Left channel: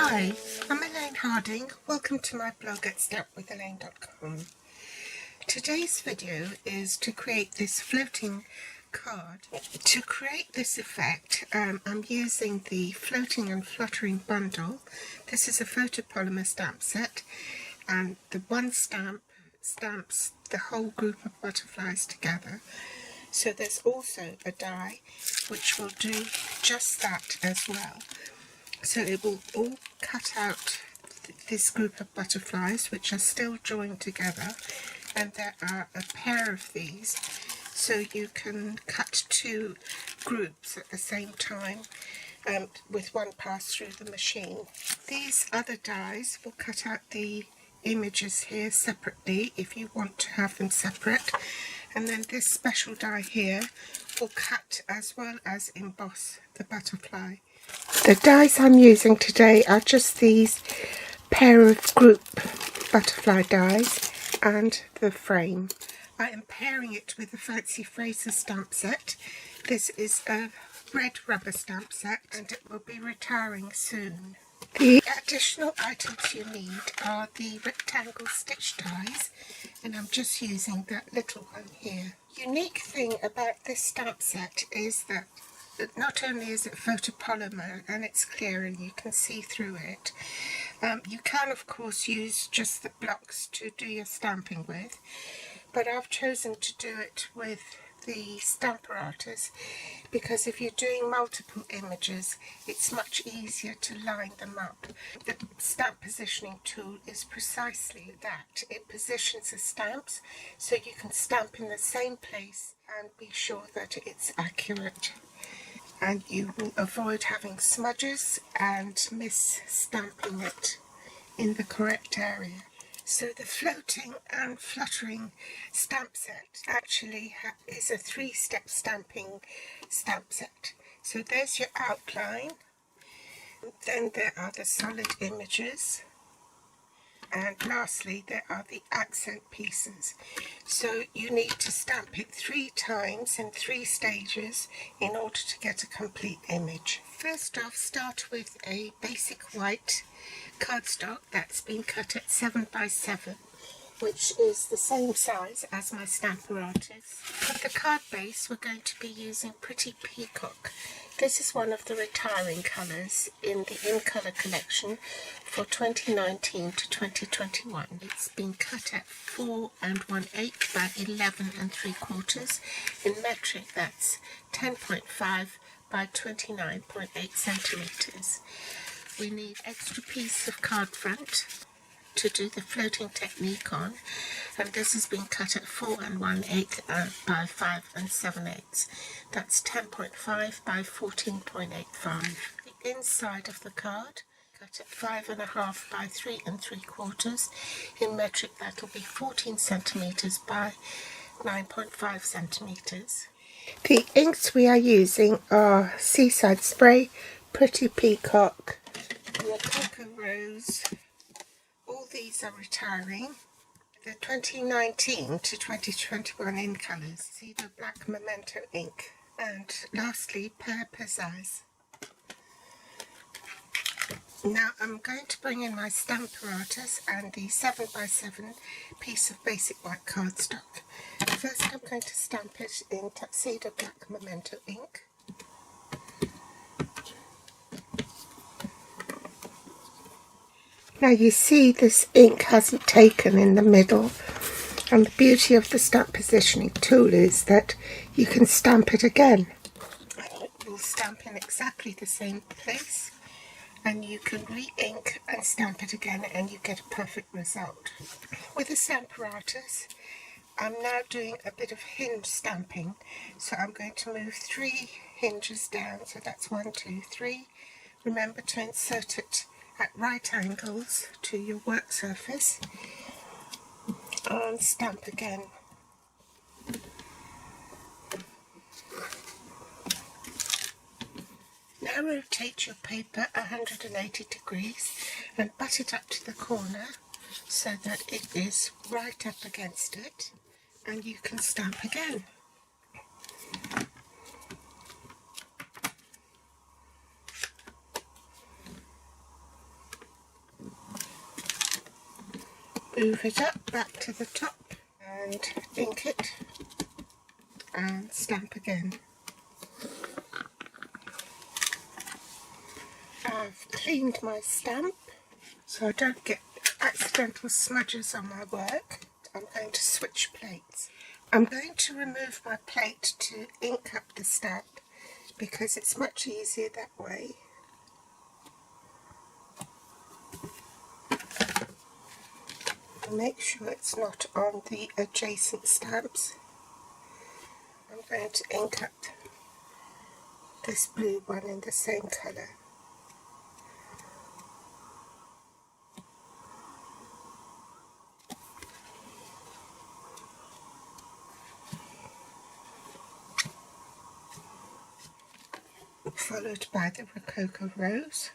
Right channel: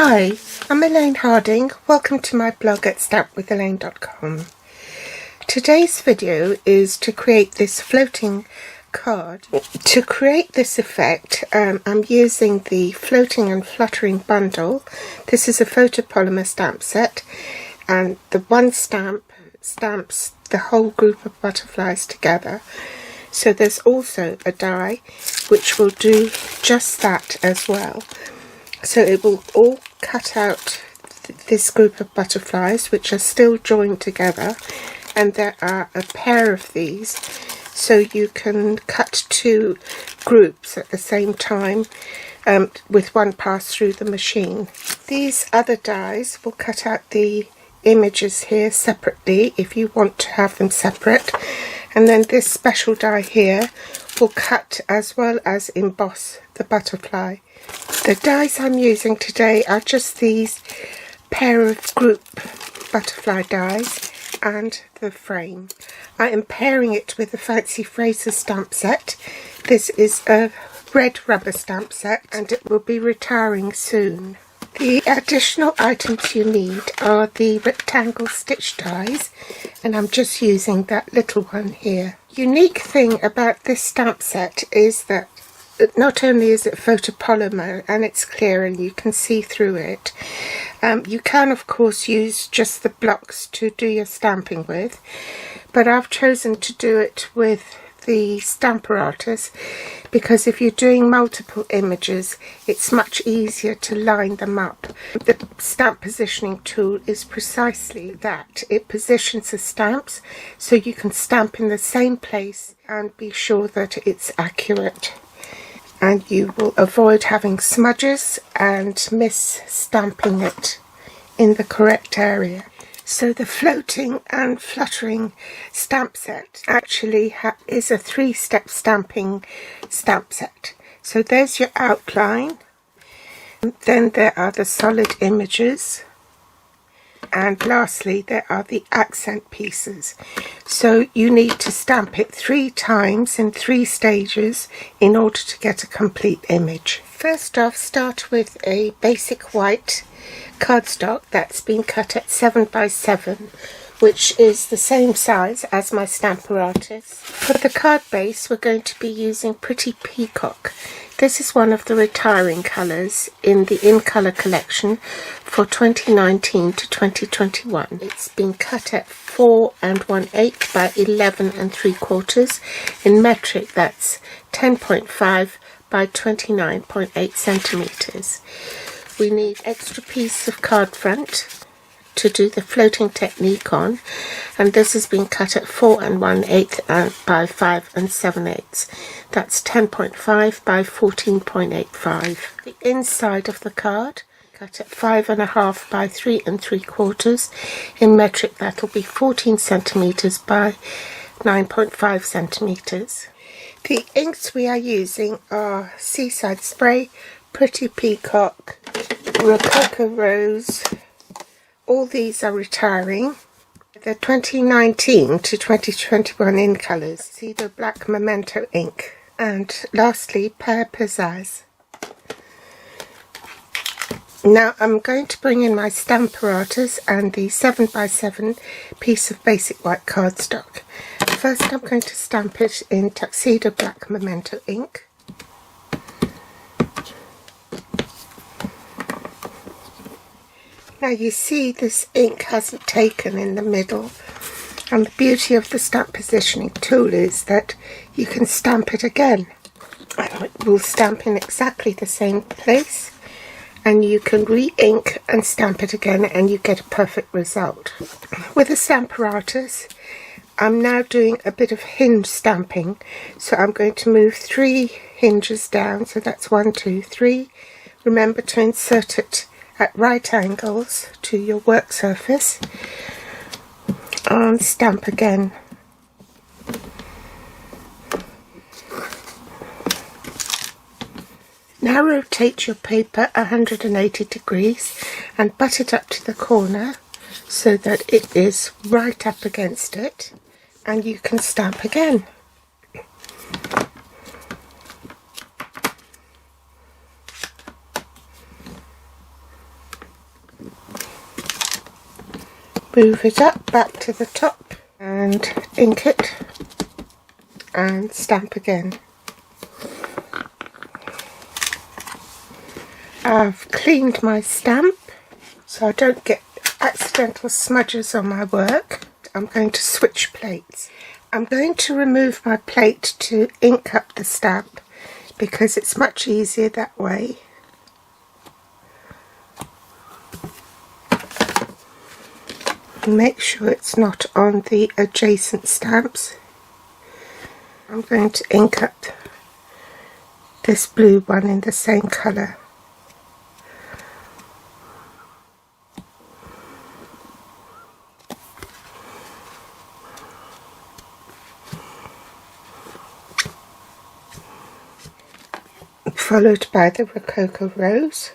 Hi, I'm Elaine Harding. Welcome to my blog at stampwithelaine.com. Today's video is to create this floating card. To create this effect, I'm using the Floating and Fluttering bundle. This is a photopolymer stamp set, and the one stamp stamps the whole group of butterflies together. So there's also a die which will do just that as well. So it will all cut out this group of butterflies which are still joined together, and there are a pair of these, so you can cut two groups at the same time with one pass through the machine. These other dies will cut out the images here separately if you want to have them separate, and then this special die here will cut as well as emboss the butterfly. The dies I'm using today are just these pair of group butterfly dies and the frame. I am pairing it with the Fancy Fraser stamp set. This is a red rubber stamp set and it will be retiring soon. The additional items you need are the rectangle stitch dies, and I'm just using that little one here. Unique thing about this stamp set is that not only is it photopolymer and it's clear and you can see through it, you can of course use just the blocks to do your stamping with, but I've chosen to do it with the Stamparatus because if you're doing multiple images it's much easier to line them up. The stamp positioning tool is precisely that. It positions the stamps so you can stamp in the same place and be sure that it's accurate, and you will avoid having smudges and miss stamping it in the correct area. So the Floating and Fluttering stamp set actually is a 3-step stamping stamp set. So there's your outline, then there are the solid images, and lastly there are the accent pieces. So you need to stamp it 3 times in 3 stages in order to get a complete image. First off, start with a basic white cardstock that's been cut at 7 by 7, which is the same size as my Stamparatus. For the card base we're going to be using Pretty Peacock. This is one of the retiring colours in the In Colour collection for 2019 to 2021. It's been cut at 4 1/8 by 11 3/4. In metric that's 10.5 by 29.8 centimetres. We need extra piece of card front to do the floating technique on, and this has been cut at 4 1/8 by 5 7/8. That's 10.5 by 14.85. The inside of the card cut at 5 1/2 by 3 3/4. In metric that'll be 14 centimetres by 9.5 centimetres. The inks we are using are Seaside Spray, Pretty Peacock, Rococo Rose. All these are retiring. They're 2019 to 2021 in colours. See the black Memento ink. And lastly, Pear Pizzazz. Now I'm going to bring in my Stamparatus and the 7 by 7 piece of basic white cardstock. First I'm going to stamp it in Tuxedo Black Memento ink. Now you see this ink hasn't taken in the middle, and the beauty of the stamp positioning tool is that you can stamp it again and it will stamp in exactly the same place, and you can re-ink and stamp it again and you get a perfect result. With the Stamparatus I'm now doing a bit of hinge stamping, so I'm going to move 3 hinges down, so that's 1 2 3. Remember to insert it at right angles to your work surface and stamp again. Now rotate your paper 180 degrees and butt it up to the corner so that it is right up against it, and you can stamp again. Move it up back to the top and ink it and stamp again. I've cleaned my stamp so I don't get accidental smudges on my work. I'm going to switch plates. I'm going to remove my plate to ink up the stamp because it's much easier that way. Make sure it's not on the adjacent stamps. I'm going to ink up this blue one in the same colour. Followed by the Rococo Rose.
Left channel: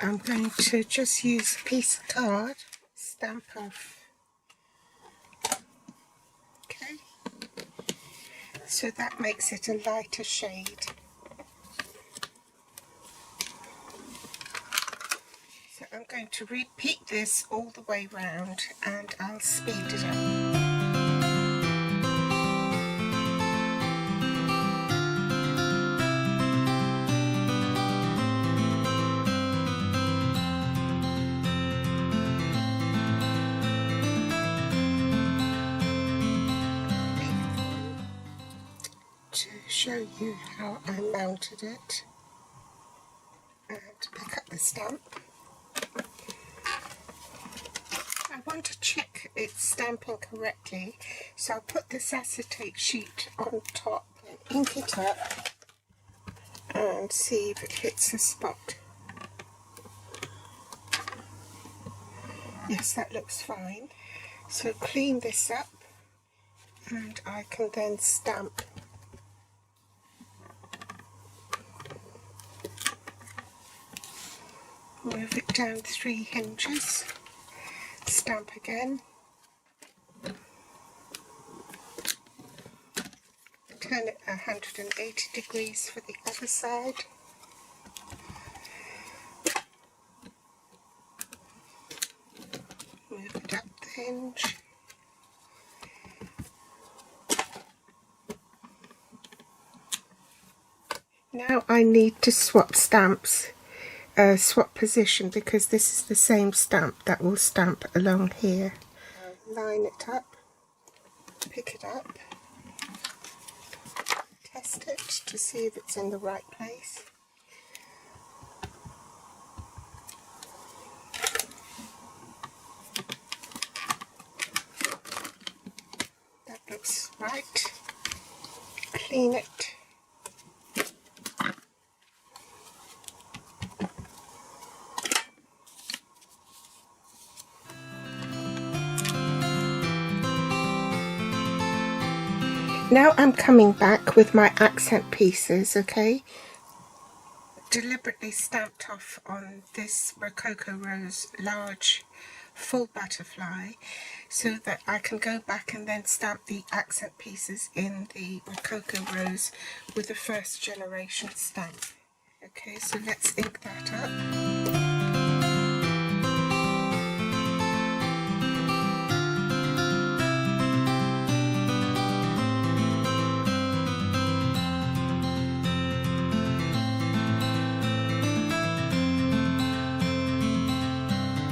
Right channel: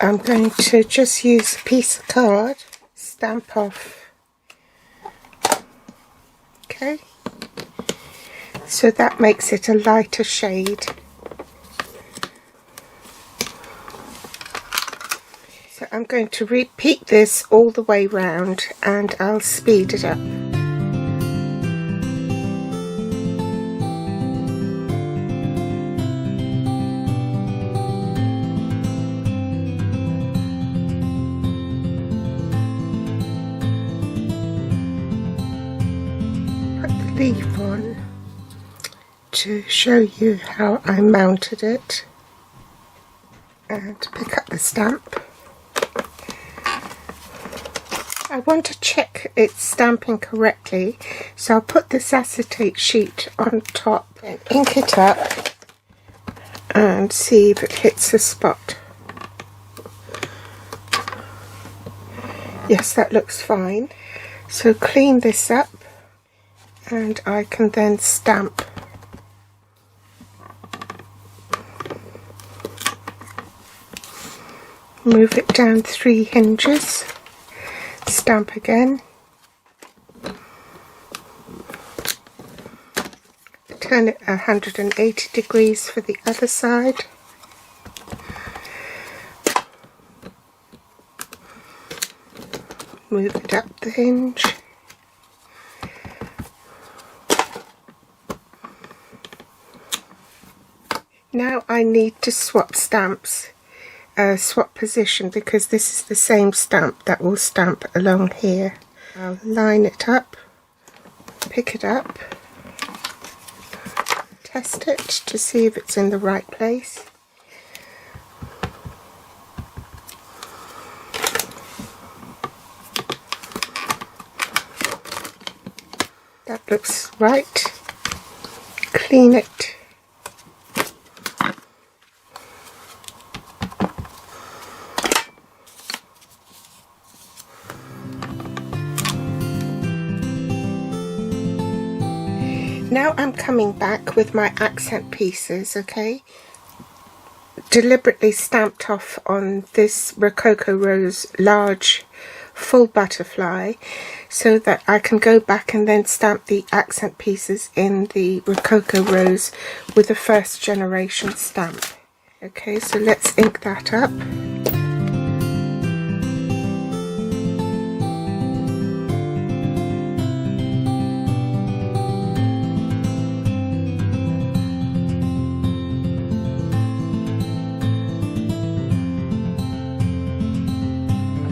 I'm going to just use a piece of card, stamp off. Okay, so that makes it a lighter shade. So I'm going to repeat this all the way round and I'll speed it up. Leaf on to show you how I mounted it, and pick up the stamp. I want to check it's stamping correctly, so I'll put this acetate sheet on top and ink it up and see if it hits the spot. Yes, that looks fine. So clean this up and I can then stamp. Move it down 3 hinges, stamp again, turn it 180 degrees for the other side, move it up the hinge, now I need to swap stamps, swap position, because this is the same stamp that will stamp along here. I'll line it up, pick it up, test it to see if it's in the right place. That looks right. Clean it. Now I'm coming back with my accent pieces, okay? Deliberately stamped off on this Rococo Rose large full butterfly so that I can go back and then stamp the accent pieces in the Rococo Rose with a first generation stamp. Okay, so let's ink that up.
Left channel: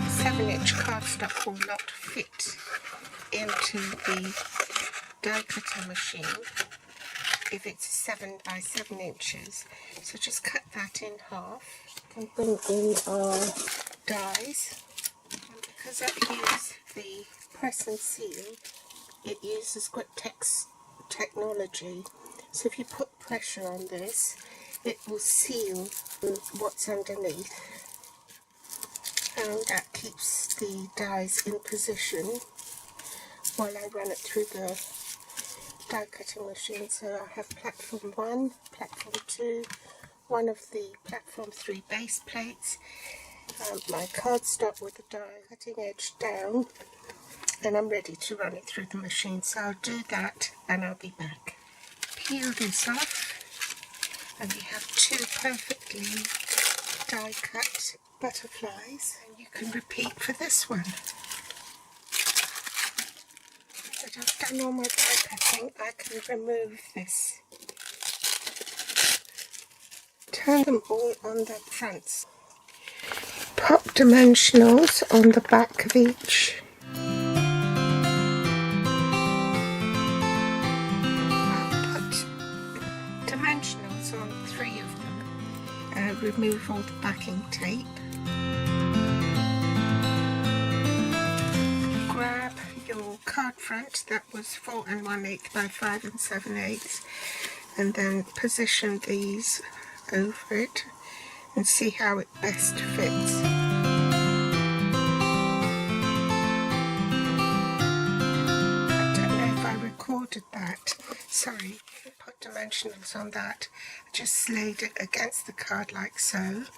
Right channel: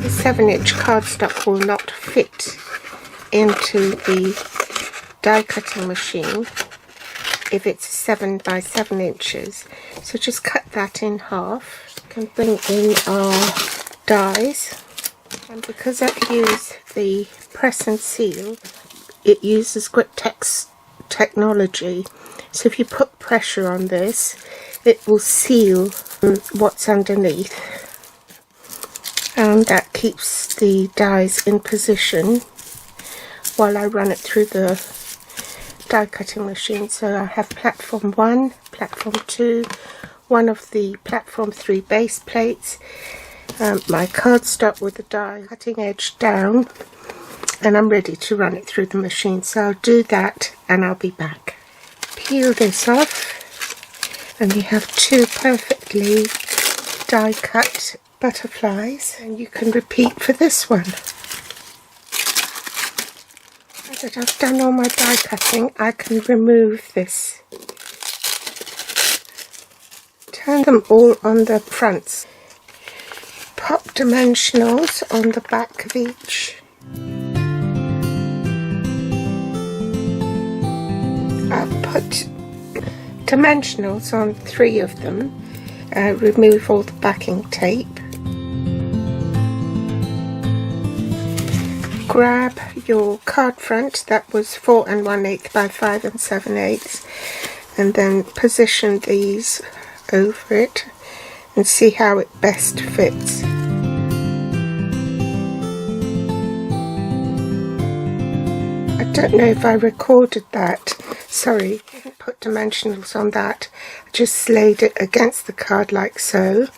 The 7-inch cardstock will not fit into the die cutting machine if it's 7 by 7 inches, so just cut that in half. We can bring in our dies, and because I use the press and seal, it uses Griptex technology, so if you put pressure on this it will seal what's underneath, and that keeps the dies in position while I run it through the die cutting machine. So I have platform 1, platform 2, one of the platform 3 base plates, my cardstock with the die cutting edge down, and I'm ready to run it through the machine. So I'll do that and I'll be back. Peel this off and you have 2 perfectly die cut butterflies, and you can repeat for this one. Now that I've done all my die cutting, I can remove this. Turn them all on the fronts. Pop dimensionals on the back of each. I've put dimensionals on 3 of them. Remove all the backing tape. Grab your card front that was 4 1/8 by 5 7/8, and then position these over it and see how it best fits. I don't know if I recorded that. Sorry, I didn't put dimensionals on that. I just slayed it against the card like so,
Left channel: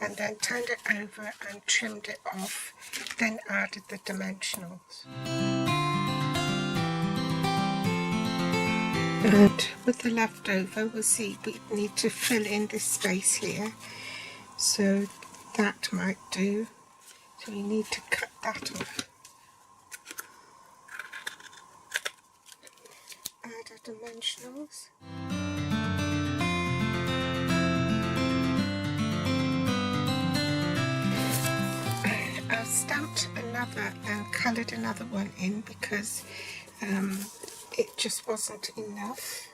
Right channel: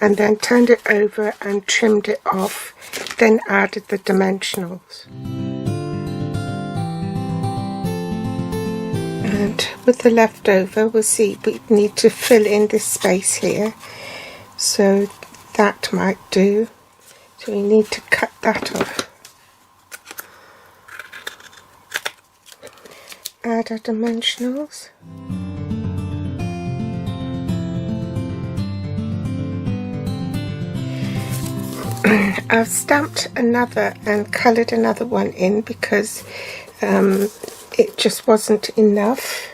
and then turned it over and trimmed it off, then added the dimensionals. And with the leftover, we'll see we need to fill in this space here, so that might do. So we need to cut that off. Add our dimensionals. I've stamped another and coloured another one in because it just wasn't enough.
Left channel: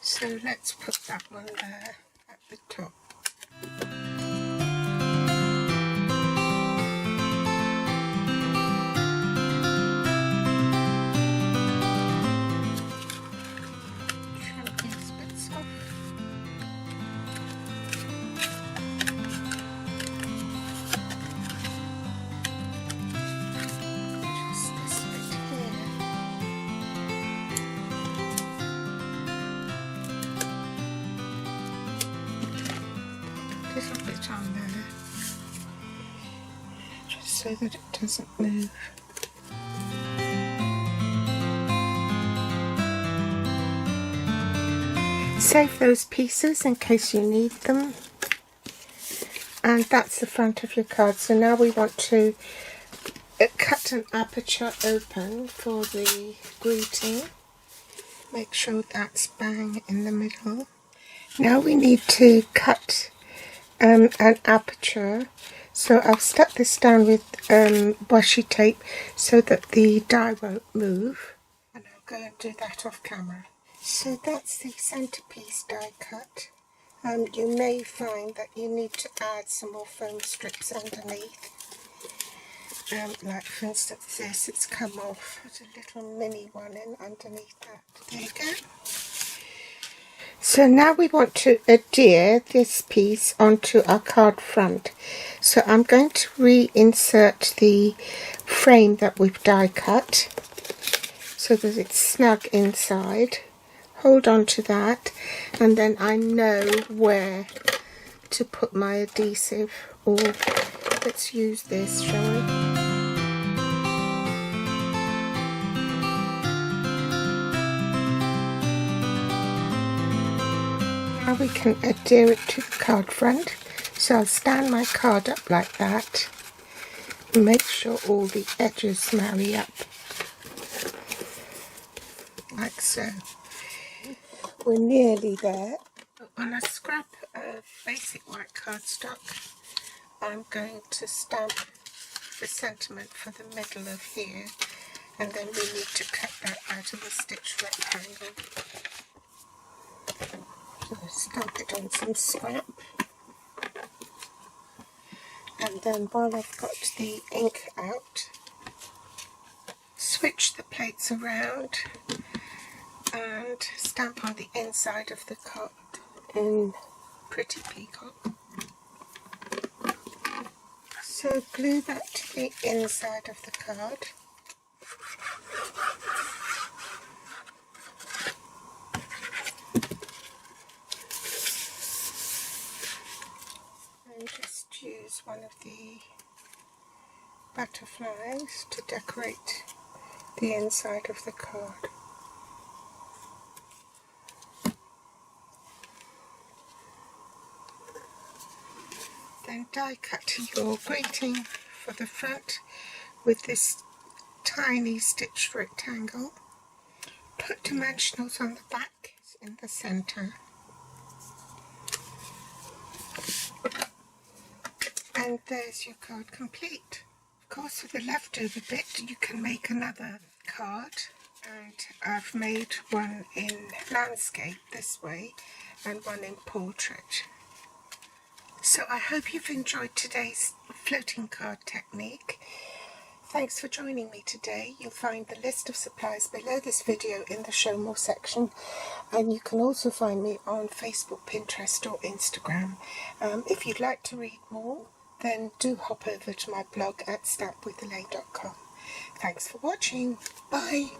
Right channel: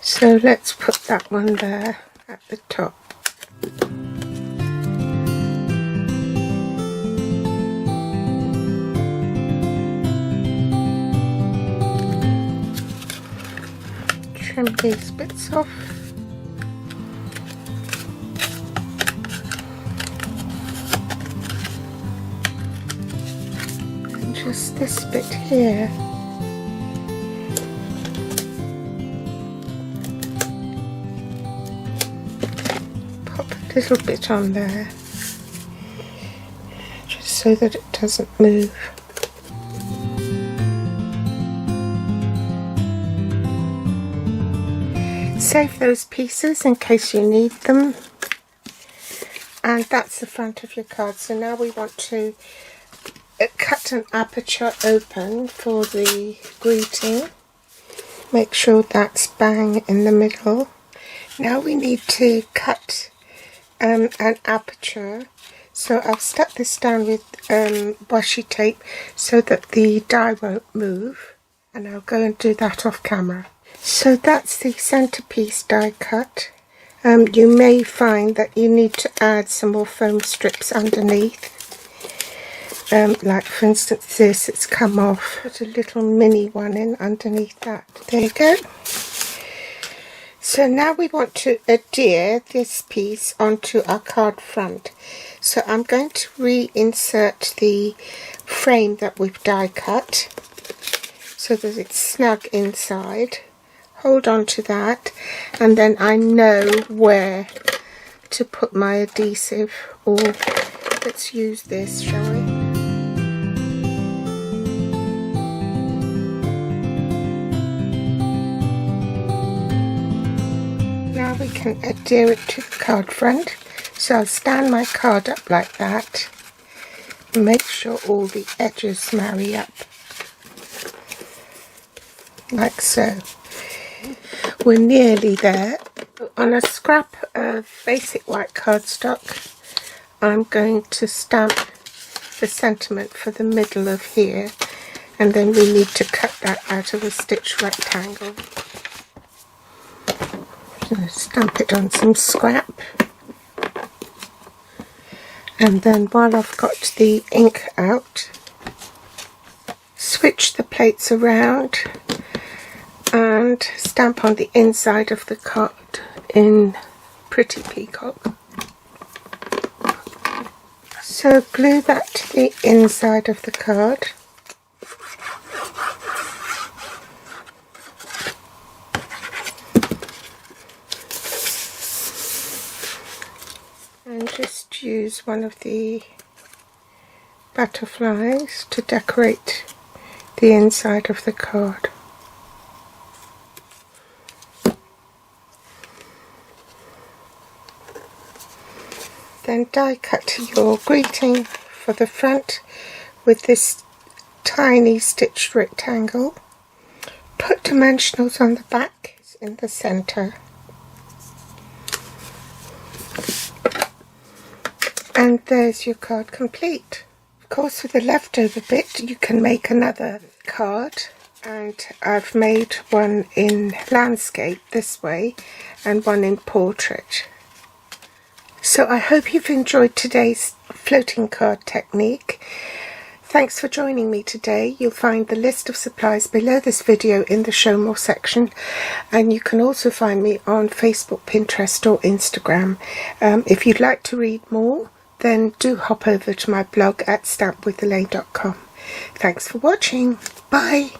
So let's put that one there at the top. Trim these bits off. And just this bit here. Pop a little bit on there, just so that it doesn't move. Save those pieces in case you need them. And that's the front of your card. So now we want to cut an aperture open for the greeting. Make sure that's bang in the middle. Now we need to cut an aperture. So I've stuck this down with washi tape so that the die won't move. And I'll go and do that off camera. So that's the centerpiece die cut. You may find that you need to add some more foam strips underneath. Like for instance this, it's come off. Put a little mini one in underneath that. There you go. So now we want to adhere this piece onto our card front. So I'm going to reinsert the frame that we've die cut so that it's snug inside. Hold on to that, and then I know where to put my adhesive, or let's use this, shall we? Now we can adhere it to the card front. So I'll stand my card up like that and make sure all the edges marry up, like so. We're nearly there. On a scrap of basic white cardstock, I'm going to stamp the sentiment for the middle of here, and then we need to cut that out of a stitch rectangle. So stamp it on some scrap, and then while I've got the ink out, switch the plates around and stamp on the inside of the card in Pretty Peacock. So glue that to the inside of the card. And just use one of the butterflies to decorate the inside of the card. Then die cut your greeting for the front with this tiny stitched rectangle. Put dimensionals on the back in the centre. And there's your card complete. Of course, with the leftover bit you can make another card, and I've made one in landscape this way and one in portrait. So I hope you've enjoyed today's floating card technique. Thanks for joining me today. You'll find the list of supplies below this video in the Show More section, and you can also find me on Facebook, Pinterest or Instagram. If you'd like to read more, then do hop over to my blog at stampwithelaine.com. Thanks for watching. Bye.